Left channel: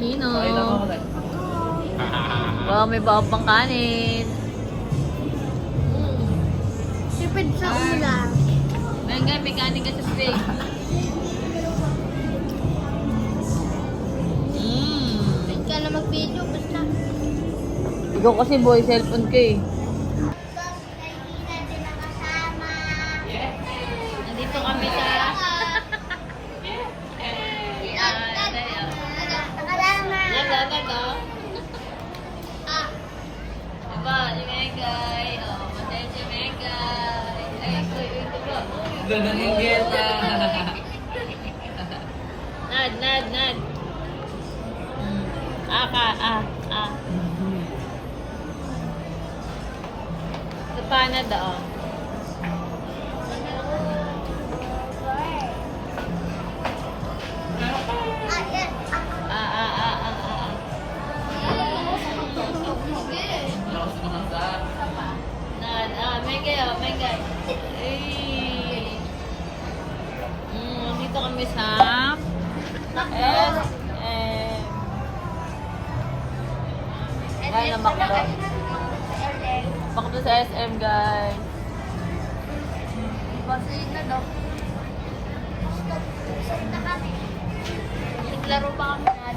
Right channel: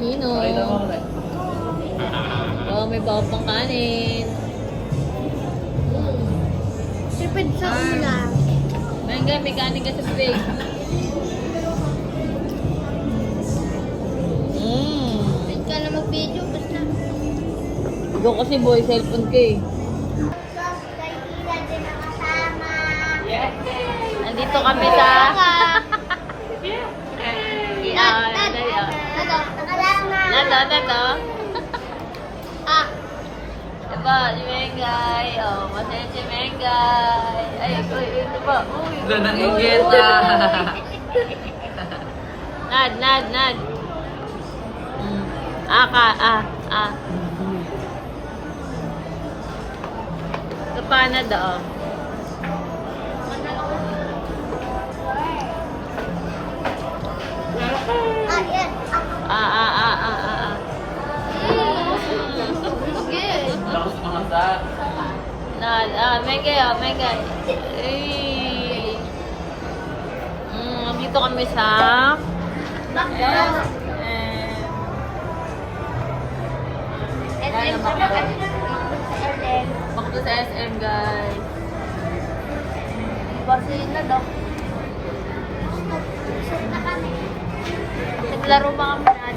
Sino? Oh, may bawa pang kanin. Sipid sa ulam. Nangga, may kanin ka sa plate. Ikaw na mag-video, ba't na? Ikaw kasi boy, cellphone ka eh. Kay Ina din ang kasama. Nandito kami sa... Mengay, oh, masaya si Mengay. Ay, ito ba? Doon ang inyeta. Nad. Ah. Ito pa na doon. Yan. Lakas kumasa. Mengay. Dito kami sa SM. Bakit sa SM, guys? Barcelona daw. Laro pa kami na.